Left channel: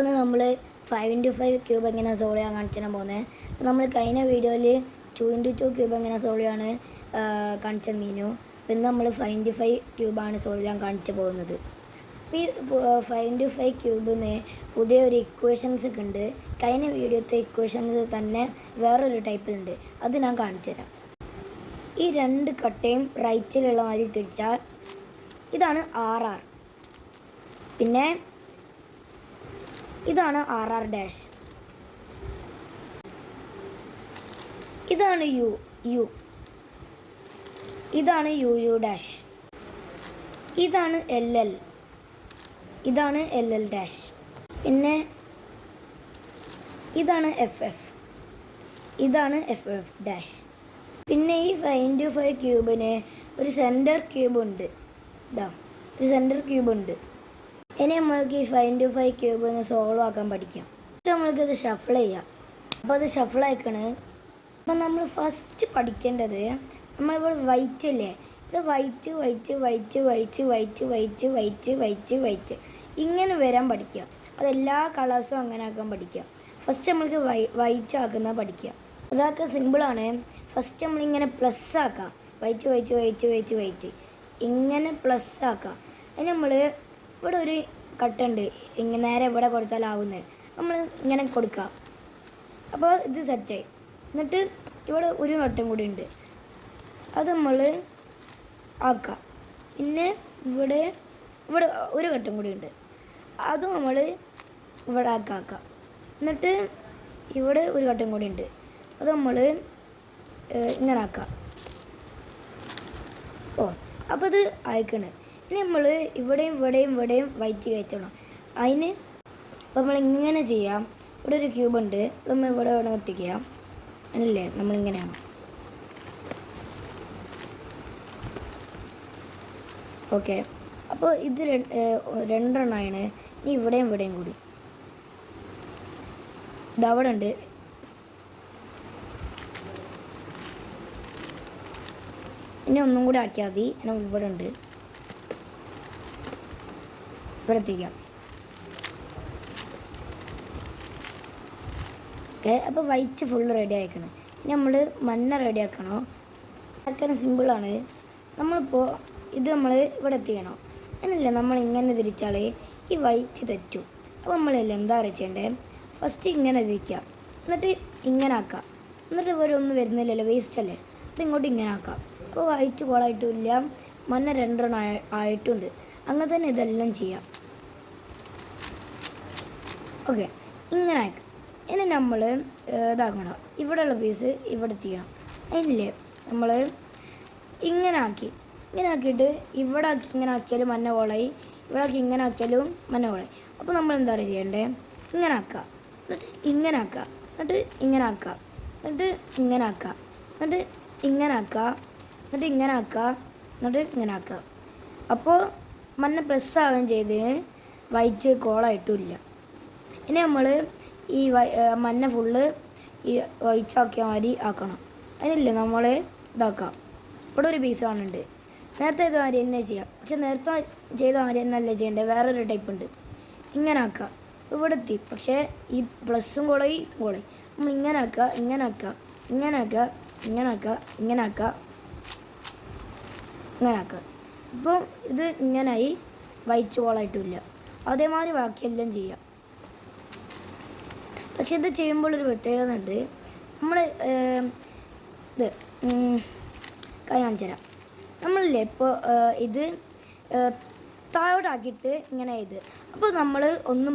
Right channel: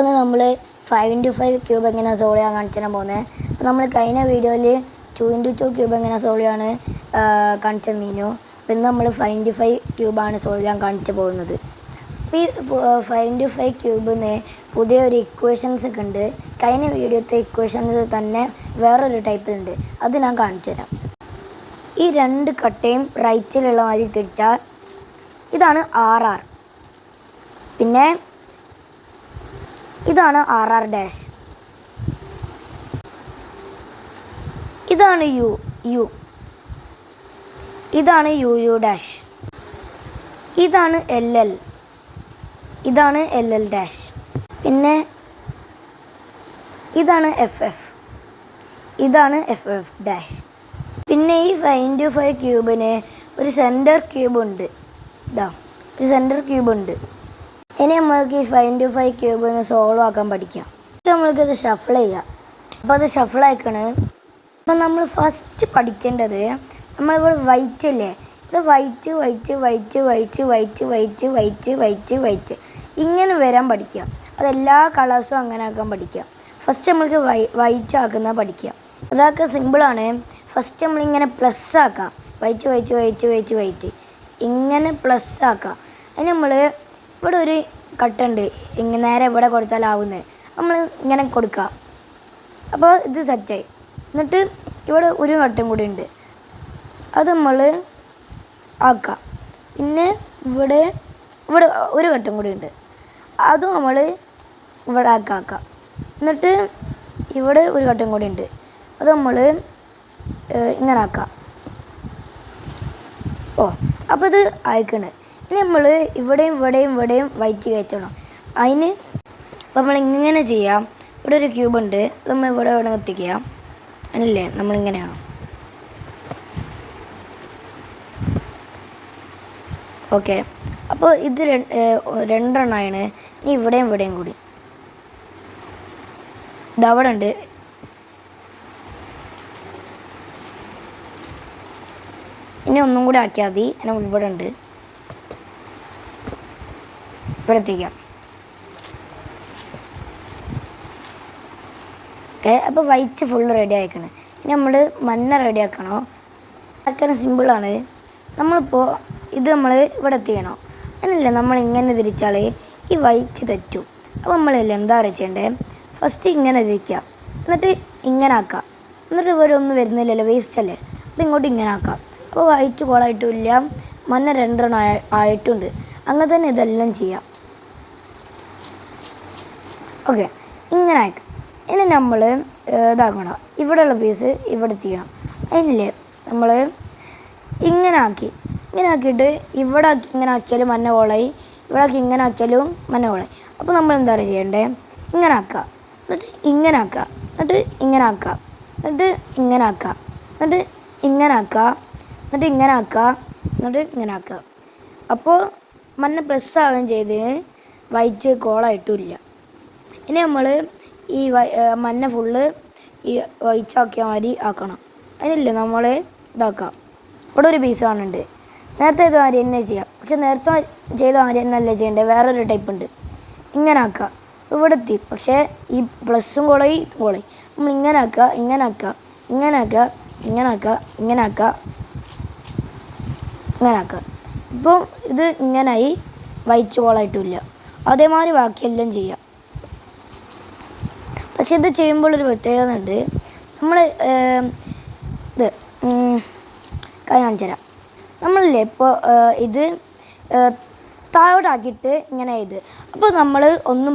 അപ്പോൾ നമ്മൾ 5x5 cube എങ്ങനെ സോൾവ് ചെയ്യാൻ കാണിച്ചാൽ പോകുന്നത്. അപ്പോൾ നമ്മൾ കഴിഞ്ഞ വീഡിയോയിൽ 2x2 ക്യൂബ് എങ്ങനെ സോൾവ് ചെയ്യാൻ കാണിച്ചു തന്നിരുന്നു. അപ്പോൾ ഇന്ന് നമ്മൾ 5x5 ക്യൂബാണ് സോൾവ് ചെയ്യാൻ കാണിച്ചു പോകുന്നത്. ഈ 5x5 ക്യൂബിന് പുതിയൊരു ഇക്വേഷൻസ് ഒക്കെ ഉണ്ട്. കഴിഞ്ഞ വീഡിയോത്തെ ഇക്വേഷൻസ് തന്നെ വേറൊരു ടൈപ്പിലുണ്ട്, അത് ഞാൻ കാണിച്ചു തരാം. ഈ രണ്ട് കട്ടയും റൈറ്റിലുള്ള മാതിരി തിരിച്ചാൽ ഇതാണ് RR, പിന്നെ ഇതാണ് RR ഡാഷ്, ഇതാണ് U, ഇതാണ് UU ഡാഷ്, ഇതാണ് LL, ഇതാണ് LL ഡാഷ്, പിന്നെ ഇതാണ് FF, ഇതാണ് FF ഡാഷ്. പിന്നെ ഈ 5x5 ക്യൂബിന് ഒരു സെൻറ്റർ ക്യൂബ് ഉണ്ട്. ഒരു സെൻറ്റർ ക്യൂബ് ഉണ്ട്. ഇനി നമ്മൾക്ക് ഈ 5x5 ക്യൂബിന് സോൾവ് ആക്കാൻ പഠിക്കാം. നമ്മൾക്കിത് ഷഫിൾ ചെയ്യാം. അപ്പോൾ അത് ഷഫിൾ ആയിക്കണ്. അപ്പം നമ്മൾ ഫസ്റ്റ് പഠിക്കേണ്ടത്, നമ്മളിവിടെ വൈറ്റ് അല്ലേ, ഇവിടെ വൈറ്റ് ഇങ്ങനെ വരാൻ പഠിക്കുക. അതെല്ലാ കളേഴ്സും അങ്ങനെ ആക്കാൻ പഠിക്കുക. ഫസ്റ്റ് നമ്മൾക്ക് വൈറ്റ് ആക്കുന്ന പഠിക്കുക. അതൊക്കെ സിമ്പിളാണ്. ഫസ്റ്റ് നമ്മളിങ്ങനെ പ്ലസ് ആക്കാം. വൈറ്റ് ഇങ്ങനെ പ്ലസ് ആക്കാം. അതിന് നമ്മൾ ഇവിടെ ഒരു കട്ടുണ്ട്, ഇങ്ങനെ നേരെ ഇവിടെ കൊടുത്താലാവുന്നത് നമ്മൾ ഇങ്ങനെ കൊടുക്കുക. അപ്പോൾ ഇത് സെറ്റായി. എന്നിട്ട് ഇവിടെ ഒരു കട്ടം കൂടി ഉണ്ട്, അത് നമ്മൾ ആക്കാം. പിന്നെ ഇവിടെ ഒരു കട്ടം കൂടി ഉണ്ട്, അതും നമ്മൾ ഇവിടെ ആക്കാം. എന്നിട്ട് ഇവിടെ ഒരു കട്ടം കൂടി ഉണ്ട്, അത് നമ്മൾ ഇങ്ങനെ ആക്കാം. അപ്പോൾ ഇത് അയക്കണേ. ഇനി നമ്മൾ ഇവിടെയും വൈറ്റ് കയറ്റണം. അതിന് അപ്പോൾ നമ്മൾ ഇങ്ങനെ ചെയ്യാം. ഇവിടെ ഒരു ക്യൂബ് ഉണ്ട്, അത് നമ്മൾ ഇവിടെ എത്തിക്കാം. അതിനല്ലേ നമ്മളിങ്ങനെയാണ്. ഓക്കെ, അപ്പോൾ ഇത് രണ്ടെണ്ണമാണ്. ഇനി ഇവിടെയും കൂടി ഇതവിടെ ഉണ്ട്. ഇനി ഒന്നും കൂടി ആക്കിയാൽ മതി. ഞാൻ ഇവിടെ ഉണ്ട്, ഇവിടെ എത്തിക്കാം. ഓക്കെ, അപ്പോൾ വൈറ്റ് ഫുള്ള് റെഡി ആയിക്കണം. ഇനി നമ്മൾ മഞ്ഞ റെഡി ആക്കണോ? ആക്കാൻ സിമ്പിളാണ്. നമ്മളിപ്പോൾ ഇത് നമ്മൾ ഇവിടെ എത്തിക്കണോ? അങ്ങനല്ലേ, നമ്മൾ ഇങ്ങനെ തിരിച്ചാൽ ഈ വൈറ്റ് തെറ്റും. അപ്പോൾ നമ്മളല്ലേ എന്താ ചെയ്യേണ്ടത്? ഫസ്റ്റ് ഇങ്ങനെ തിരിക്കുക, എന്നിട്ട് ഇങ്ങനെ ആക്കാം. എന്നിട്ട് ഇവിടെ ഒന്നും വരുന്നില്ലല്ലോ, വേസ്റ്റ് അല്ലേ. അപ്പോൾ ഇങ്ങോട്ട് ഇങ്ങനെ ആക്കാം. അപ്പോൾ വൈറ്റ് കോളായിട്ടുമില്ല, മഞ്ഞ രണ്ടെണ്ണം ആയിട്ടുണ്ട്. അങ്ങനെ തന്നെ ഇതെല്ലാം ചെയ്യാം. ഓക്കെ, ഇങ്ങനെ ആക്കാം. ഇനി നമ്മൾ ഇതാക്കണം, ഇവിടെയുള്ള പീസ് ഇവിടെ ചെയ്യണം. അതിനില്ലേ നമ്മൾ ഇങ്ങനെ ആക്കിയിട്ട് ഇവിടെ ആക്കി ഇങ്ങനെ ആക്കിയാലും മഞ്ഞ കോളായി, ഇവിടെ ആക്കി ഇങ്ങനെ ആക്കിയാലും മഞ്ഞ കോളായി. അപ്പോൾ നമ്മൾ എന്താ ചെയ്യേണ്ടത്? ഇങ്ങനെ ആക്കുക, എന്നിട്ട് ഇങ്ങനെ ആക്കുക, എന്നിട്ട് ഇങ്ങനെ ആക്കുക, എന്നിട്ട് ഇങ്ങനെ ആക്കുക, എന്നിട്ട് ഇങ്ങനെ ആക്കുക, എന്നിട്ട് ഇങ്ങനെ ആക്കുക, എന്നിട്ട് ഇങ്ങനെ ആക്കുക. അപ്പോൾ മഞ്ഞ പ്ലസ് ആവുകയും ചെയ്തതിന് വൈറ്റ് കോളായിട്ടുമില്ല. ഇനി നമ്മൾ ഈ മഞ്ഞ ഫുള്ള് ഈ വൈറ്റ് ആക്കിയ മാതിരി ആക്കണം. അതിനില്ലേ നമ്മൾ ഇതാക്കാം. ഇവിടെ ഒരു പീസ് കാണുന്നുണ്ട്. നേരത്തെ ഇത് മാതിരി തന്നെ ചെയ്യാം, പക്ഷെ നേരത്തെ ചെയ്ത മാതിരി തന്നെ അല്ലേ ചെയ്യേണ്ടത്, വേറൊരു ടൈപ്പ് ഉണ്ട്. ഇങ്ങനെ ആക്കുക, ഇവിടെ എത്തി. പക്ഷേ ഈ പ്ലസ്സും കോളായി നമ്മൾ ഇങ്ങനെ ആക്കുക, ഇങ്ങനെ ആക്കുക, ഇങ്ങനെ ആക്കുക, ഇങ്ങനെ ആക്കുക, ഇങ്ങനെ ആക്കുക, ഇങ്ങനെ ആക്കുക. ഇപ്പോൾ ഇത് ഇങ്ങനായി, വൈറ്റ് കോളായിട്ടുമില്ല. അതേമാതിരി ബാക്കിയെല്ലാം ചെയ്യാം. പക്ഷെ ഇത് ചെയ്യുമ്പോൾ ഒരു പ്രത്യേകത ഉണ്ട്. നമ്മൾ ഇത് കാണിച്ചു തരാം. നമ്മളില്ലേ ഇപ്പോൾ ഇത് താഴോട്ടാക്കിയിട്ട് ഇങ്ങനെ ഇത്, അപ്പോൾ നമ്മൾ ഒന്നും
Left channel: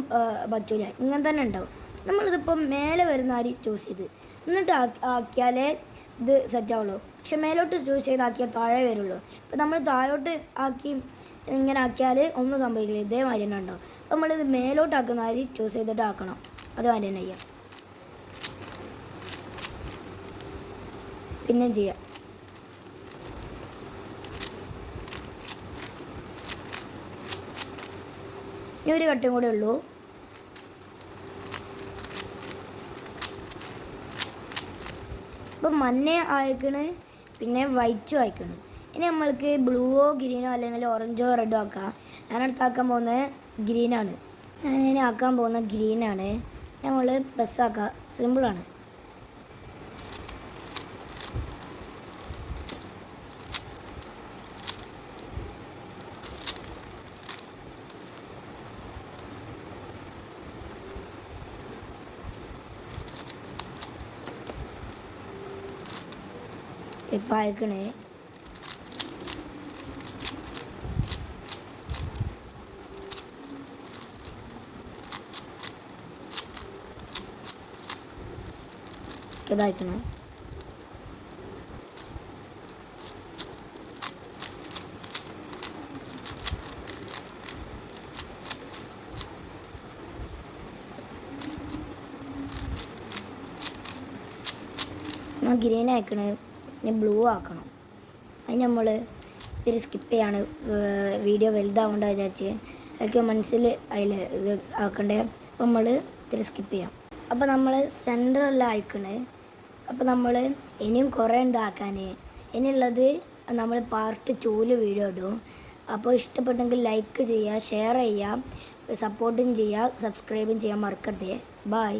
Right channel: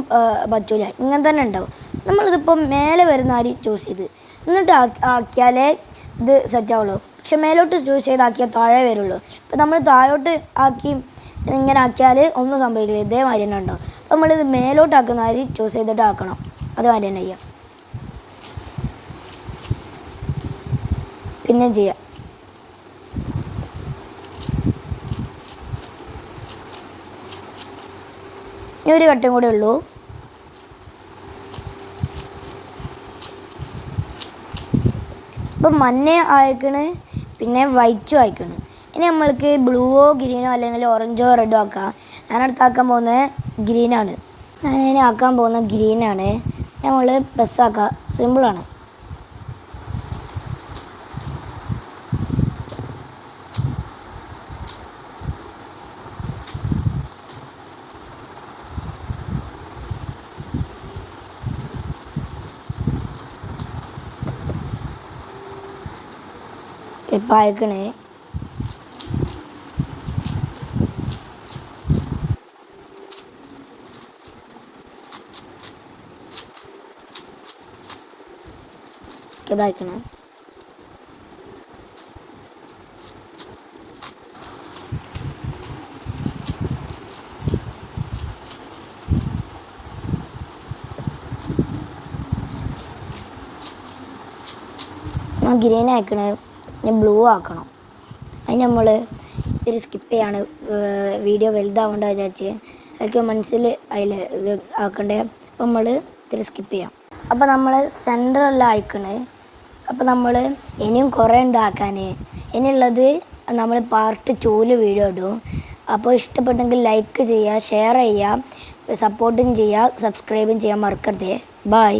പറ്റൂല, ഇങ്ങനെ തന്നെ ഉണ്ടാവും. നമ്മളിതിപ്പോൾ മേലെ വരുന്ന ആര് ചൂസ് ചെയ്ത് എന്നിട്ട് ആക്കിയാലേ ഇത് സെറ്റാവുള്ളൂ. പക്ഷെ മേലോട്ട് ചൂസ് ചെയ്താക്കിയാൽ താഴെ വരുള്ളൂ. ഇപ്പോൾ നമ്മൾ താഴോട്ട് ആക്കി ഇങ്ങനെ ആക്കിയാൽ ഒന്നും സംഭവിക്കില്ല, ഇതേമാതിരി തന്നെ ഉണ്ടാവും. അപ്പോൾ നമ്മളിത് മേലോട്ടാക്കുന്ന ആര് ചൂസ് ചെയ്തിട്ട് ആക്കണം, അതുമാതിരി തന്നെ ചെയ്യാം. പിന്നെ ചെയ്യാം. ഇനി ഒരു ഘട്ടം കൂടെ ഉള്ളൂ. ഇപ്പം മഞ്ഞ അയക്കണ്, പിന്നെ വൈറ്റും അയക്കണ്. ഇനി നമ്മൾക്ക് ബ്ലൂവോ ഗ്രീനോ അല്ലെങ്കിൽ ഓറഞ്ചോ റെഡോ ആക്കാം. ഞാനടുത്താക്കാൻ പോകുന്നത് ഗ്രീനാണ്. ഞാൻ ആക്കാൻ പോകുന്ന ഗ്രീനാണ്. നമ്മൾ പ്ലസ്സാക്കുക, സിമ്പിളാണ്. ഇപ്പം അയക്കണേ. ഇതാക്കണം. ഗ്രീൻ ആക്കണേ, പിന്നെ ബ്ലൂ ആക്കണം. അതിന് നമ്മൾ ഇത്തിരി സ്കിപ്പ് ചെയ്യാണ്, വീഡിയോ വലുതാവേണ്ട വിചാരിച്ച്. അതൊക്കെ മനസ്സിൽ അതിൽ ഇത് ആക്കണ്ടേ. അപ്പം നമ്മൾ ഇത്തിരി സ്കിപ്പ് ചെയ്യാം. അപ്പോൾ നമ്മൾ സെൻറ്ററെല്ലാം അയക്കണേ. അപ്പോൾ നമ്മൾ ഇനിയും കുറേ ഉണ്ടാക്കാൻ. ഇനിയുള്ളത് നമ്മൾ പാർട്ട് 2 വീഡിയോ ഇടും. അപ്പോൾ ഇഷ്ടപ്പെട്ടെങ്കിൽ ലൈക്ക് ചെയ്യുക, ഷെയർ ചെയ്യുക, സപ്പോർട്ടും ചെയ്യുക, സബ്സ്ക്രൈബും ചെയ്യാൻ മറക്കരുത്. ബൈ.